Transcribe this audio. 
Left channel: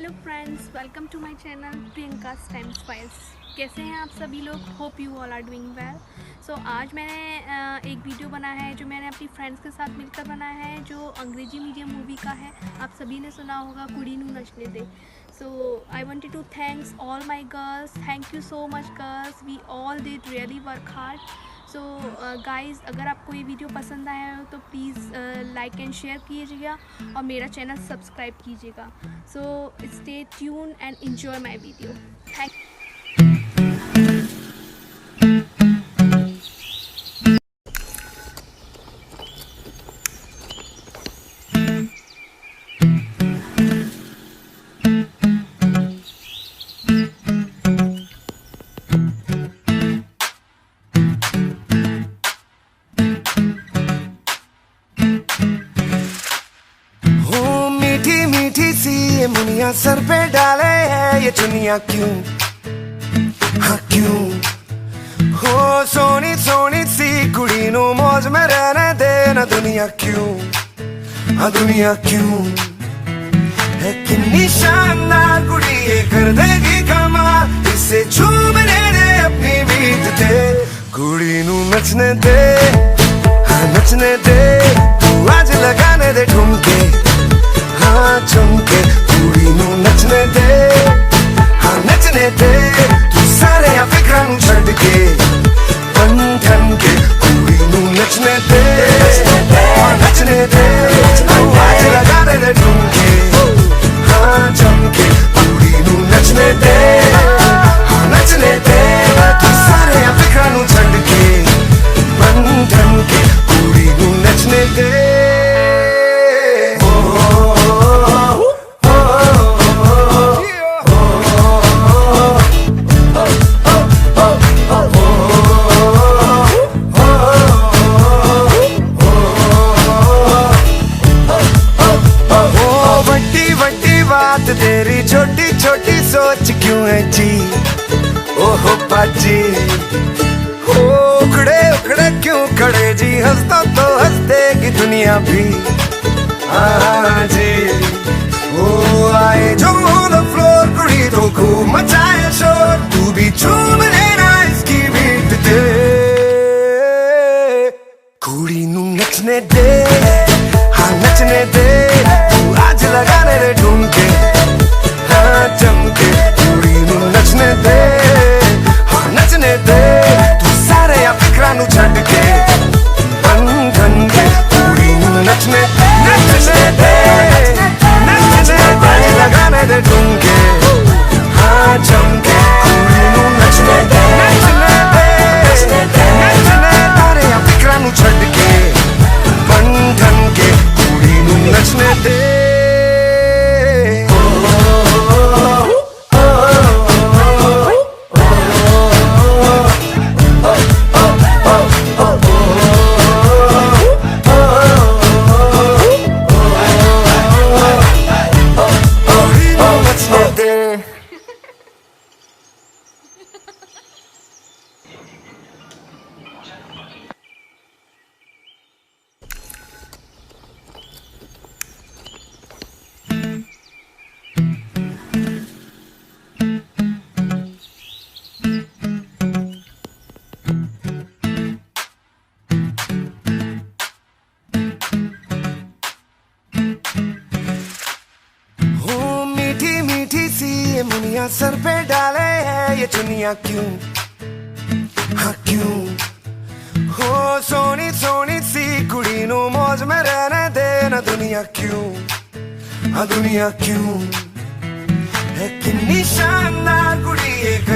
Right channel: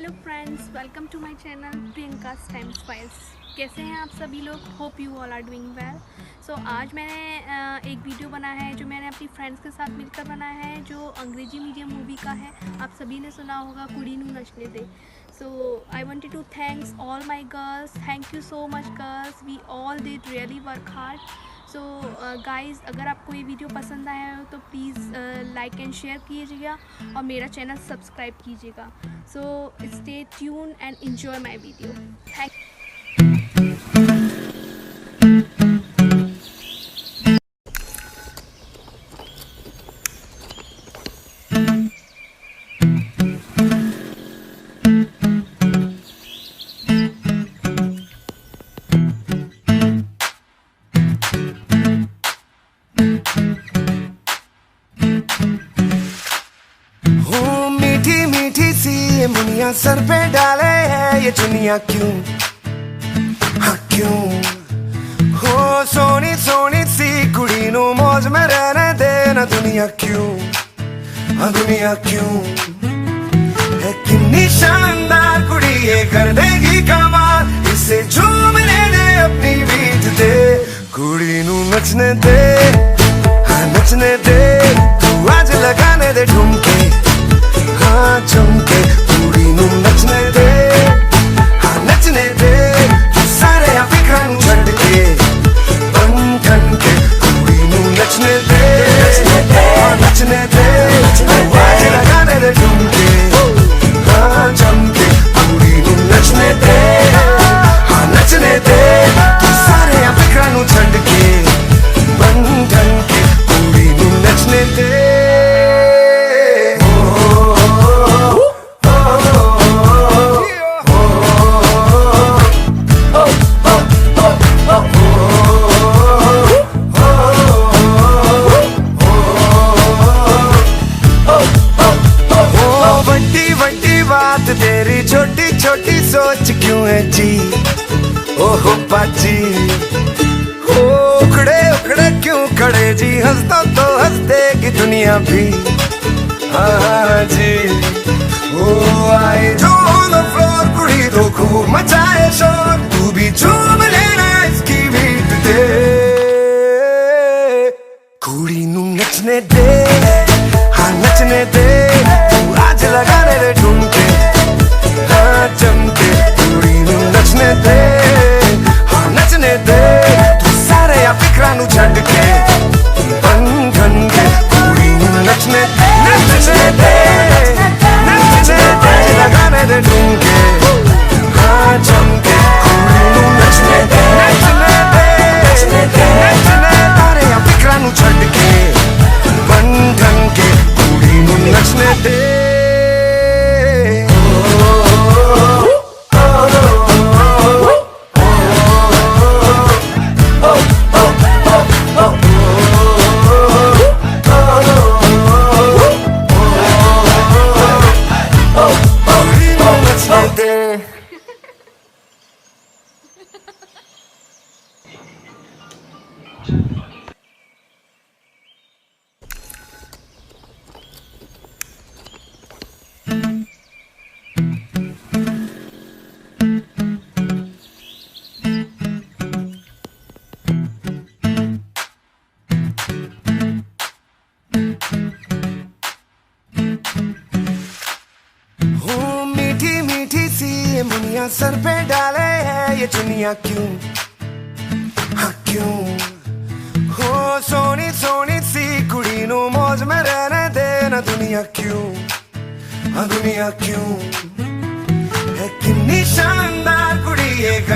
Hello friends, welcome to my channel Priyanka time spice. कैसे हैं आप सभी लोग? Hope you all are doing well. So आज मैंने एक वीडियो बनाया है जो मैंने अपनी फ्रेंड्स के साथ मिलकर बनाया है, जो अंग्रेजी मीडियम मूवी का है। आप सभी ने सुना होगा, कुड़ी नू नचने दे। So I wanted to thanks all my girls. Thank you so much girls, we all did really work hard. So guys, अगर आपको ये वीडियो पसंद आया हो तो प्लीज़ लाइक एंड शेयर कीजिएगा और मेरा चैनल सब्सक्राइब कीजिएगा। So stay tune and enjoy my video. Thank मीठी मीठी सी ये मुनिया सर पे डाले है ये चुनिया क्यों, हाँ क्यों। हो सोनी सोनी सी कुड़ी नु मौज में रहने दे ना दुनिया क्यों, हाँ दुनिया क्यों। है कितनी शानदार कुड़ी ये कर देगी कमाल, इसे झूमने दे अपनी बीट दे। कुड़ी नु नचने दे, हाँ नचने दे, तू आज लगाने दे ठुमके, हाँ चमके। कुड़ी नू नचने दे, हाँ नचने दे, तू सारे फिक्रां नू छड्ड के बन ठन के। कुड़ी नू नचने दे, हाँ नचने दे, तू आज लगाने दे ठुमके, हाँ चमके। कुड़ी नू नचने दे, हाँ नचने दे, तू सारे फिक्रां नू छड्ड के बन ठन के। कुड़ी नू नचने दे। बात तेरी छोटी छोटी सोच क्यों है जी, ओहो पाजी। हो उखड़े उखड़े क्यों खड़े जी, हंस तो हंस देगी दुनिया भी, हाँ जी। ओ आए जो ऑन द फ्लोर, कुड़ी तो खूब मचाए शोर, तू भी झूम लेना इसकी बीट ते। कुड़ी नू नचने दे, हाँ नचने दे, तू आज लगाने दे ठुमके, हाँ चमके। कुड़ी नू नचने दे, हाँ नचने दे, तू सारे फिक्रां नू छड्ड के बन ठन के। कुड़ी नू नचने नचने दे, नचने दे, आज लगाने दे ठुमके, हाँ चमके। कुड़ी नू नचने नचने दे, नचने तारे फिक्रां नू छड्ड के बन ठन के। कुड़ी नू नचने दे। मीठी मीठी सी ये मुनिया सर पे डाले है ये चुनिया क्यों, हाँ क्यों। हो सोनी सोनी सी कुड़ी नु मौज में रहने दे ना दुनिया क्यों, हाँ दुनिया क्यों। है कितनी शानदार कुड़ी ये